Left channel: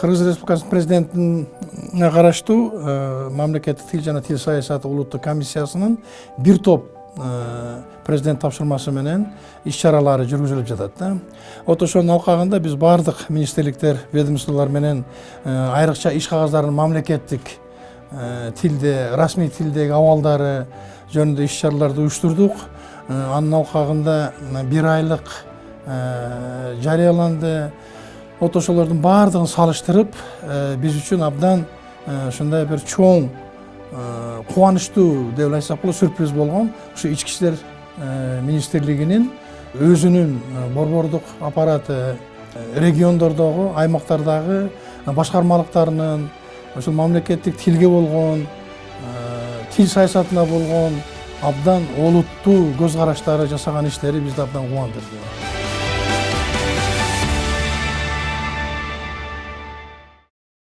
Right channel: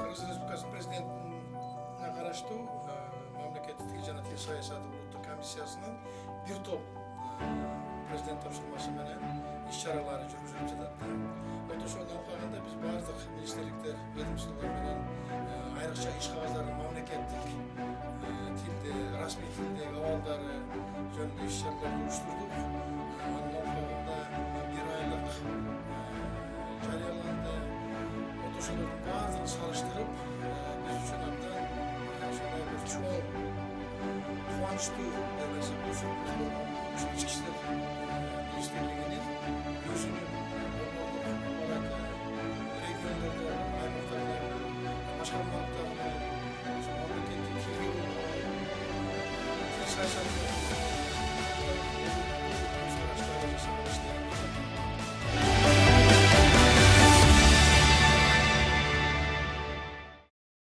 Кыргыз Республикасынын президентине караштуу мамлекеттик тил жана тил саясаты улуттук комиссиясынын бир топ президент тапшырмасы менен иш-чаралары жүргүзүлүп жатат да. Вот ошонун алкагында биз бардык министрликтер, ведомстволор менен айрыкча иш кагаздарын мамлекеттик тилде, расмий тилдеги абалдары жөнүндө иш-чараларды уюштурдук. Анын алкагында бир айлык жарыяланды. Вот ошолордун баардыгын салыштырып, биз үчүн абдан ушундай бир чоң кубанычтуу деп айтсак болот, сюрприз болгон. Ушу ички иштер министрлигинин өзүнүн борбордук аппараты, региондордогу, аймактардагы башкармалыктарынын ошол мамлекеттик тилге болгон, тил саясатына болгон абдан олуттуу көз караштары жасаган иштери бизди абдан кубандырды.